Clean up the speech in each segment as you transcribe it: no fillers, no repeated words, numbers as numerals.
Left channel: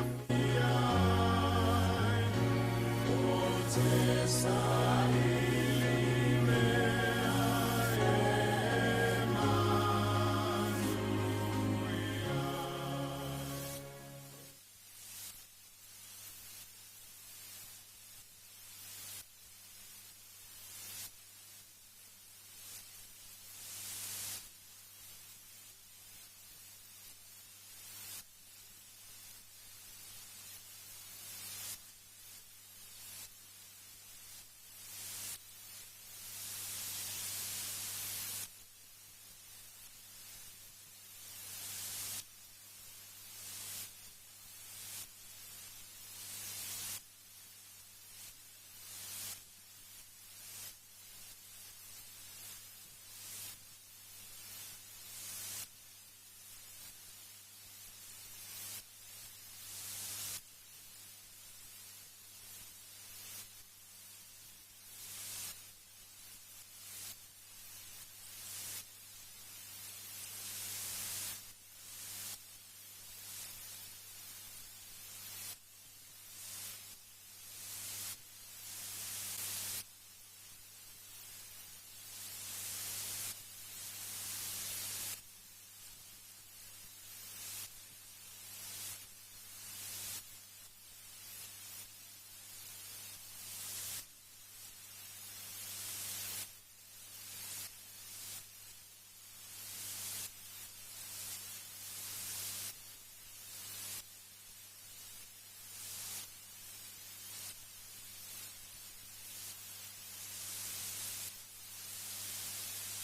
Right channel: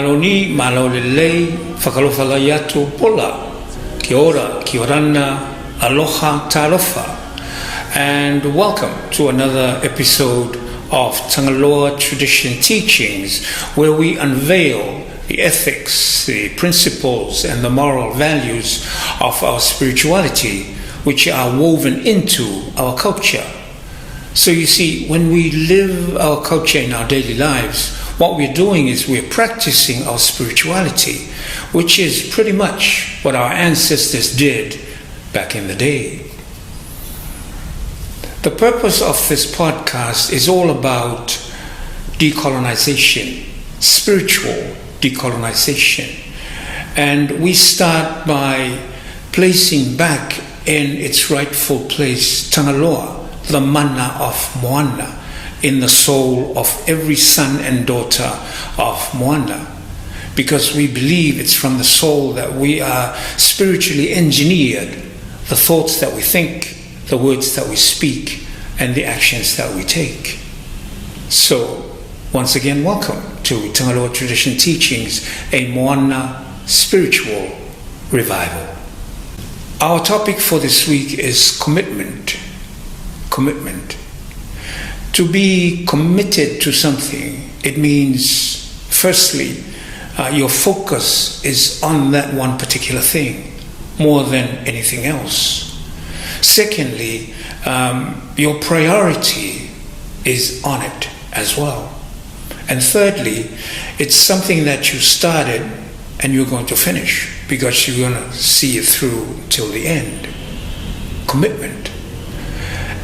Maloni, malolelei, whakalofalaiatu pola, kia ora, kia orana, aloha talofa. And welcome to another episode of Tagaloa Tradition Teachings, where we unveil the ethics, the principles, and the moral values of our spirituality, which are woven into our culture. So you see, when we live our culture in our daily lives, what we're doing is we're practicing our spirituality, which is pretty much what our ancestors did back in the day. The purpose of this podcast is all about decolonization, spiritual decolonization. And we start by placing back in its rightful place Tagaloa, the mana of Moana, in the soul of every son and daughter of Moana, because we believe it's from the soul that we are spiritually engineered, the thoughts that we think, the words that we speak, and the actions that we take. So, once again, welcome to Tagaloa Tradition Teachings, a Moana spiritual revival. Our topic for this week is commitment. Commitment. To be committed to something, it means, firstly, your focus is on that one particular thing more than anything else. Secondly, your priority is on it as well. And thirdly, it's something that you started and you're going to finish because you're going to see it through till the end. Commitment.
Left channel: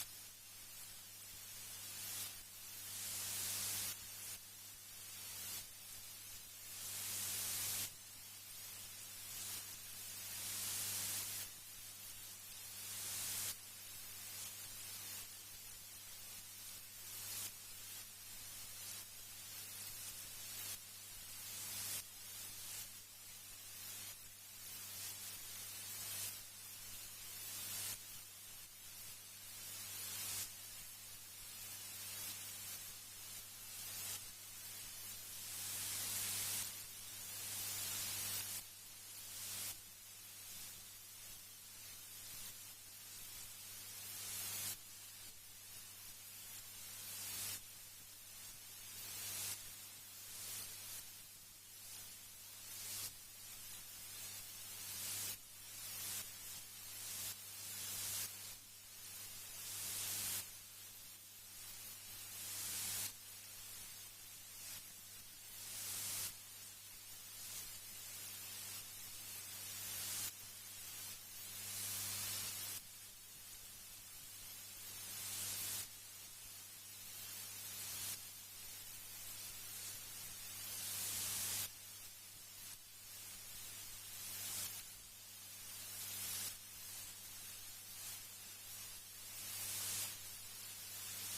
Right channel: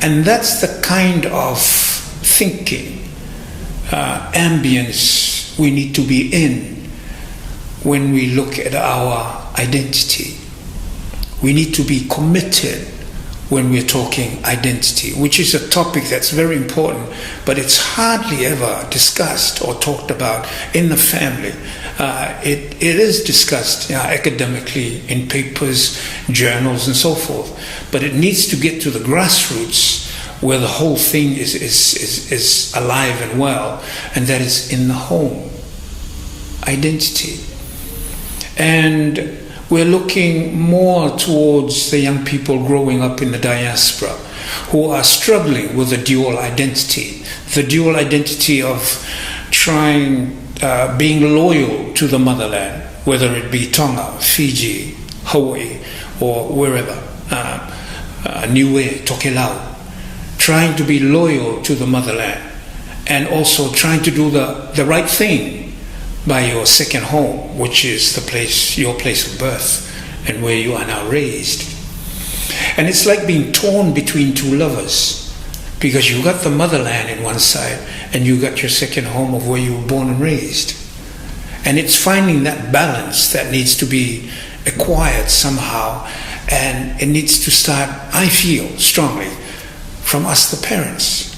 And that's the kind of thinking, ambience we need to be in when we look at our identity. We need to be committed when we're talking identity, which is a topic that's very important, but it's hardly ever discussed or talked about in the family. It is discussed academically in papers, journals, and so forth, but it needs to get to the grassroots where the whole thing is alive and well, and that is in the home. Identity. And we're looking more towards the young people growing up in the diaspora who are struggling with the dual identity of trying, being loyal to the motherland, whether it be Tonga, Fiji, Hawaii, or wherever, Niue, Tokelau, trying to be loyal to the motherland and also trying to do the right thing by your second home, which is the place, your place of birth and where you are now raised. And it's like being torn between two lovers, because you got the motherland in one side and you got your second home of where you were born and raised. And it's finding that balance that needs to be acquired somehow, and it needs to start, I feel strongly, from us the parents.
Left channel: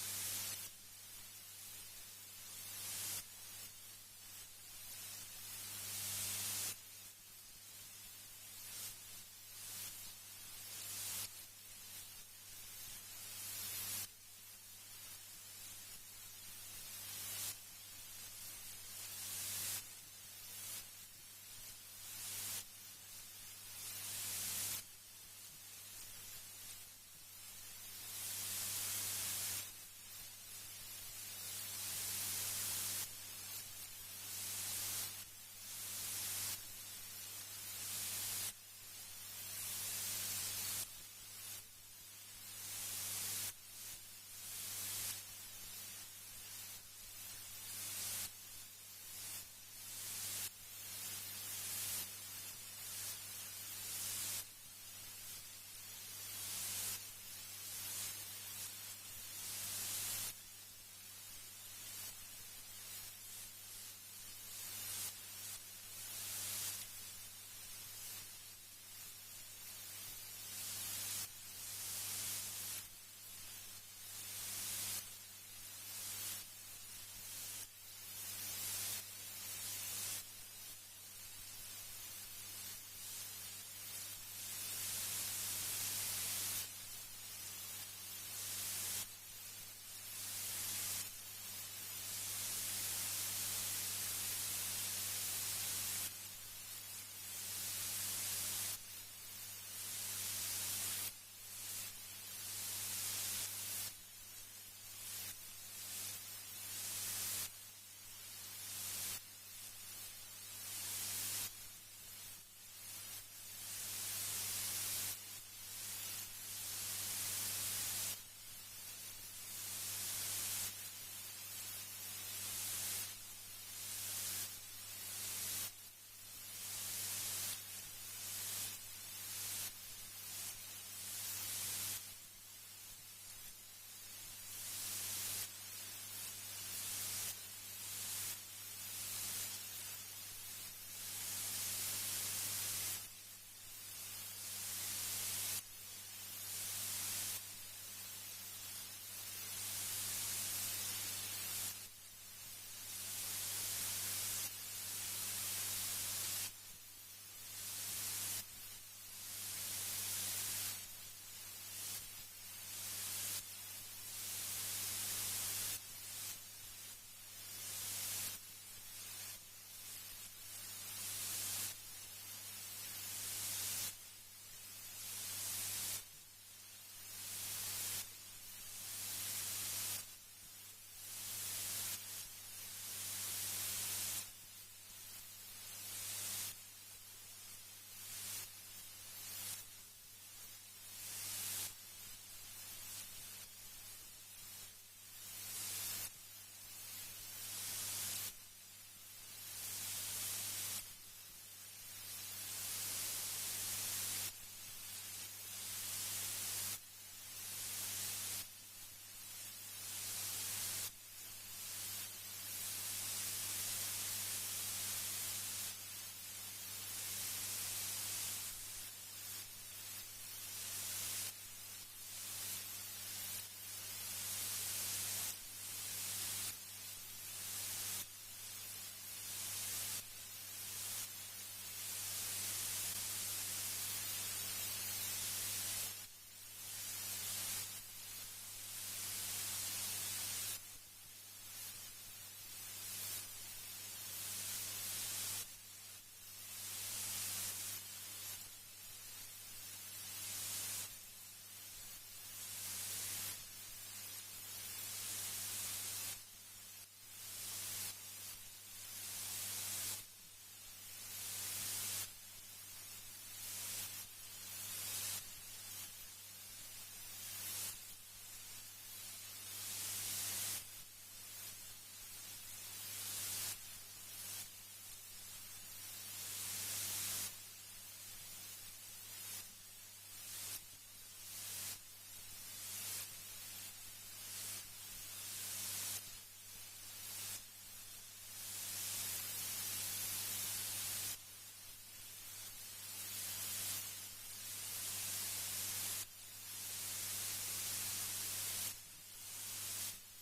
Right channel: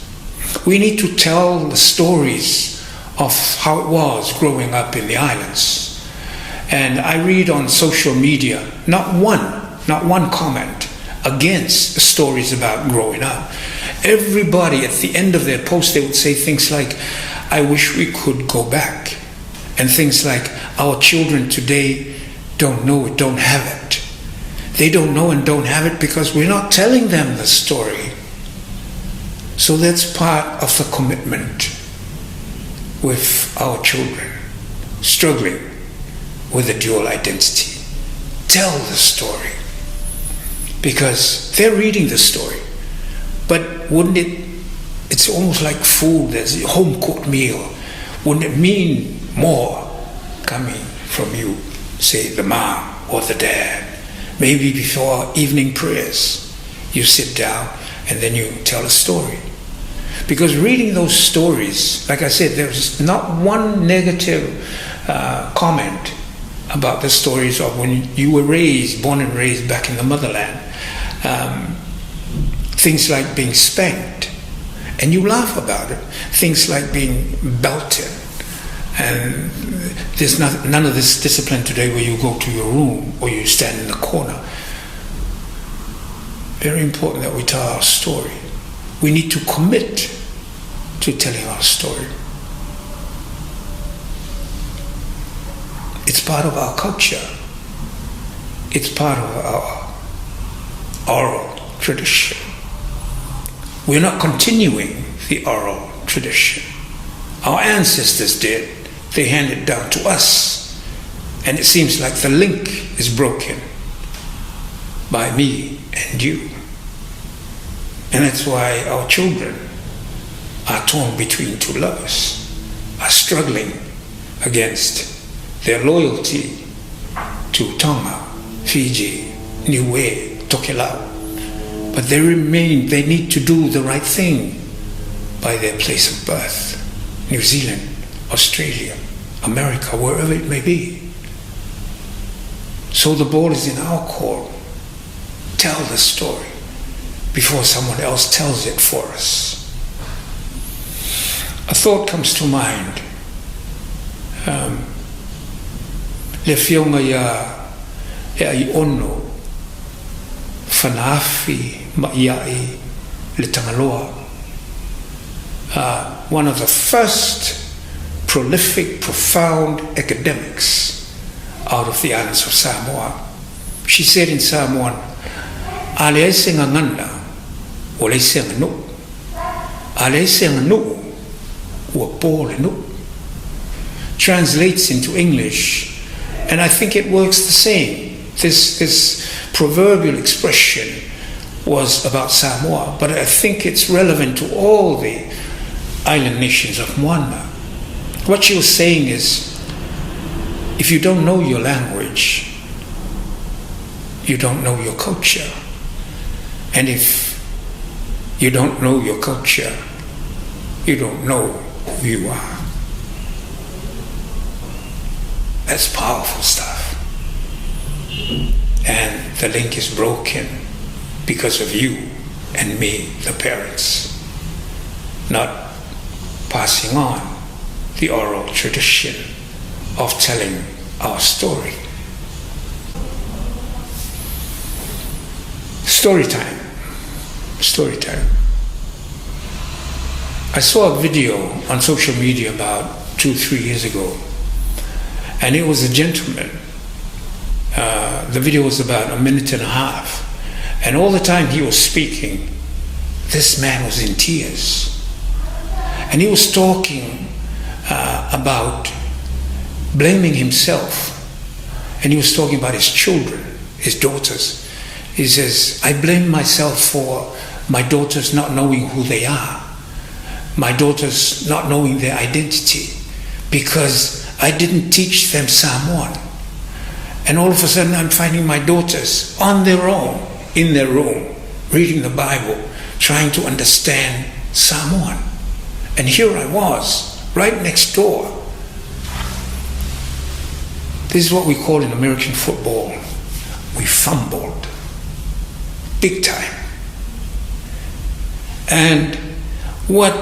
We need to tell the stories of how it was growing up in the islands. And I read on social media, not one comment against stories about growing up. Everybody at the end of their post, they would say things like, I wish we could go back. And things like, our children today don't know it, don't have it. They don't know and don't have it because we're not telling them the story. So that's part of the commitment with our children, struggling with a dual identity. Tell the story, because they're reading the story. But wouldn't it's almost like food, there's a home-cooked meal. Wouldn't it mean more coming from you, say the mom or the dad? Maybe before evening prayers, you sit down and then you tell a story. Because reading those stories, like I said, there's not one negative comment about the stories of when you were born and raised back in the motherland. Things like being spanked, and you laugh about it. Things like being belted. And there's none of this discipline today where you go to your room or you stand in the corner. Very important that we tell our story. We need to commit to telling our story. It's part of our culture. It's part of our oral tradition. We're not continuing the oral tradition. Our ancestors did. They handed it down to us. And it seems like the link is broken by me and you. And that's why our children are torn between two lovers, are struggling against their loyalty to Tonga, Fiji, Niue, Tokelau. But they need to do the right thing by their place of birth. New Zealand, Australia, America, wherever it may be. So the ball is in our court. Tell the story before someone else tells it for us. A thought comes to mind. Le fionga e ai ono whanaafi maiai le Tagaloa. One of the first prolific, profound academics out of the islands of Samoa. She said in Samoan, "Ale ese ngangana, o le ese nganu. Ale ese nganu, o pole nu." Translates into English, and I think it works the same. This proverbial expression was about Samoa, but I think it's relevant to all the island nations of Moana. What she was saying is, if you don't know your language, you don't know your culture. And if you don't know your culture, you don't know who you are. That's powerful stuff. And the link is broken because of you and me, the parents, not passing on the oral tradition of telling our story. Story time. Story time. I saw a video on social media about 2-3 years ago, and it was a gentleman. The video was about 1.5 minutes, and all the time he was speaking, this man was in tears. And he was talking about blaming himself, and he was talking about his children, his daughters. He says, "I blame myself for my daughters not knowing who they are, my daughters not knowing their identity, because I didn't teach them Samoan. And all of a sudden I'm finding my daughters on their own, in their room, reading the Bible, trying to understand Samoan. And here I was, right next door." This is what we call in American football, we fumbled, big time. And what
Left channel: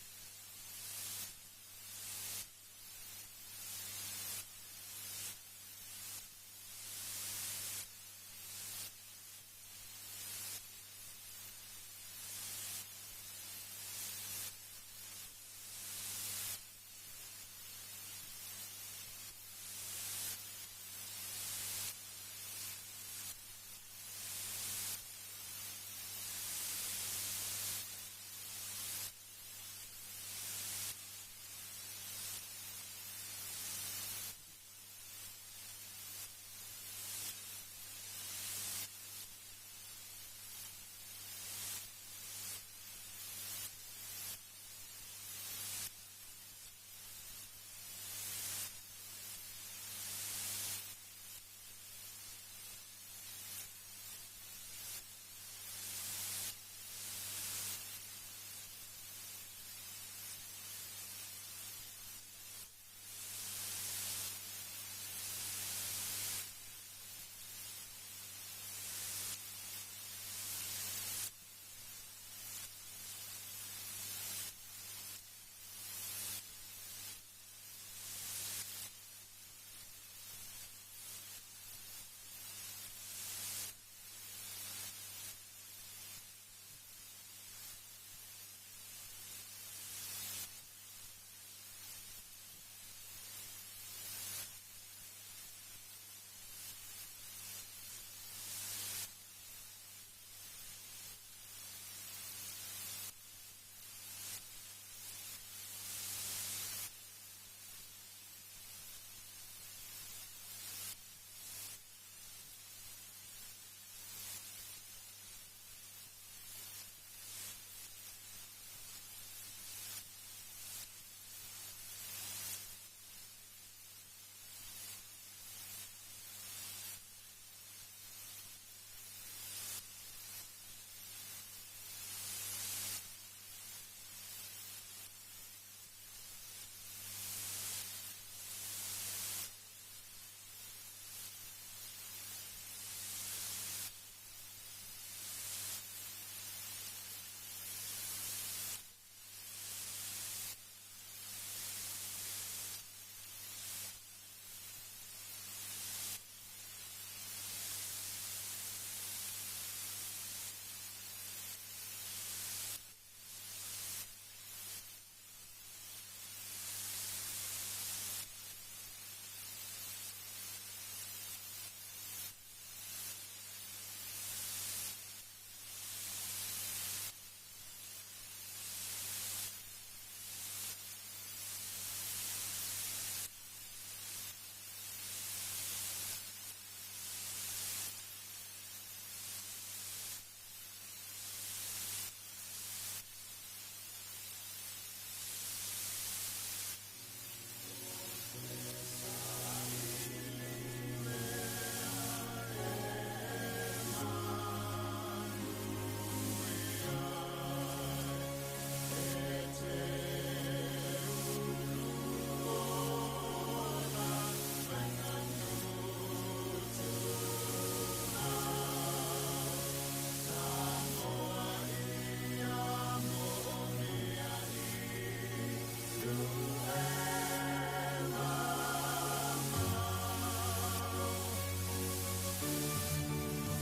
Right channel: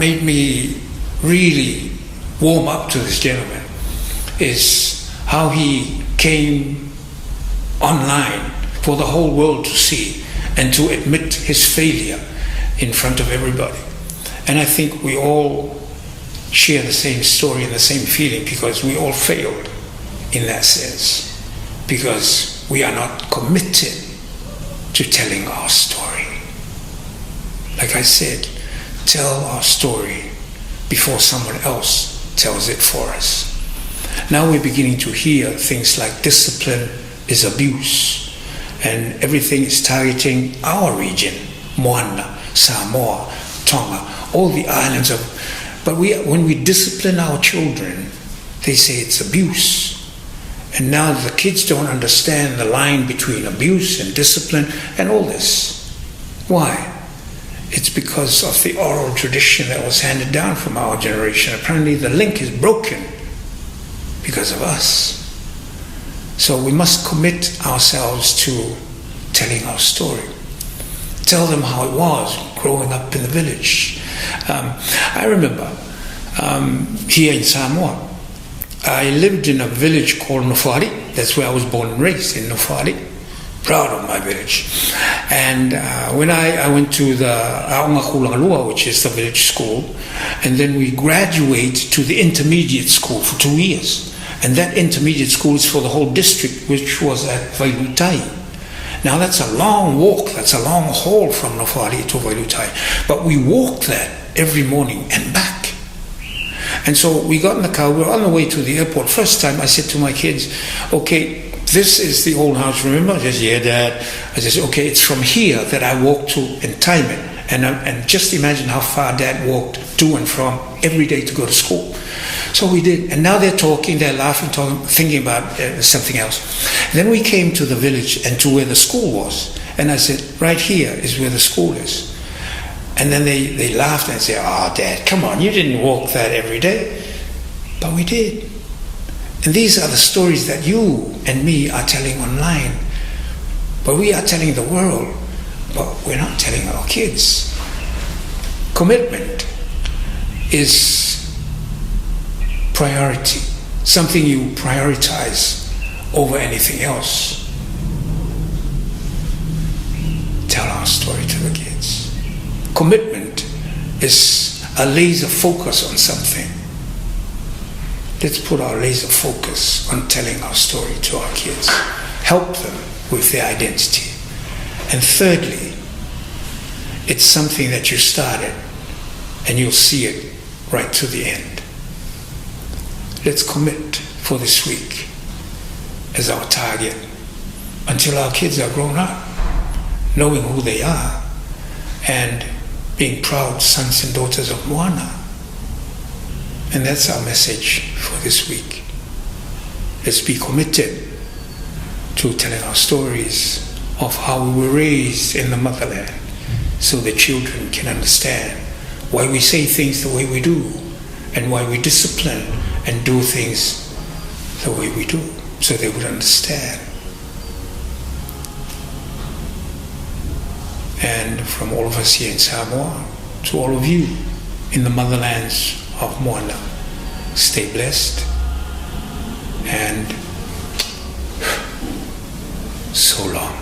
made me really warm up to this gentleman is how he came online for the whole world to see and to admit his failure in front of everybody. And I think we all share the same story and the same feeling, because we all failed in that sense, because we are not committed to telling our story. Like I said, tell our story before someone else tells it for us. Now we're beginning to hear things like discipline is abuse, and everything is targeting our region, Moana, Samoa, Tonga, all the islands of. But when we discipline our children, they say it's abuse. And now the kids don't understand the line between abuse and discipline and all this. Why? It's because of the oral tradition that was handed down from our generation. Apparently the link is broken because of us. So we must commit ourselves to telling our story. Tell them how it was growing up in the village. I remember here in Samoa, I lived in a village called Nofari. That's where I was born and raised, in Nofari. Proud of my village. And when I went to the Aonga, which is the village school, and then we graduate to the intermediate school for 2 years. And that intermediate school is for the whole district, which was at Vailutai. Now that's a long walk, that's a long haul from Nofali to Vailutai. But we walked that every morning and back. And so we got in the car, we were on the way to the airport. First time I said to my kids, okay, this is the old house, remember? I said, yeah, Dad. I said, okay, it's from here that I walk to and time it. And just imagine how far Dad walked to and from every day to go to school. So we did. And now they're talking, they're laughing, talking, thinking about something else. And then we came to the village and to where the school was. And I said, right here is where the school is. And then they laughed and said, oh, Dad, come on, you didn't walk that every day. But we did. And these are the stories that you and me are telling online. But we are telling the world, but we're not telling our kids. Commitment is priority, something you prioritize over anything else. Tell our story to the kids. Commitment is a laser focus on something. Let's put our laser focus on telling our story to our kids. Help them with their identity. And thirdly, it's something that you started and you'll see it right to the end. Let's commit for this week as our target until our kids are grown up, knowing who they are and being proud sons and daughters of Moana. And that's our message for this week. Let's be committed to telling our stories of how we were raised in the motherland so the children can understand why we say things the way we do and why we discipline and do things the way we do, so they would understand. And from all of us here in Samoa to all of you in the motherlands of Moana, stay blessed and so long.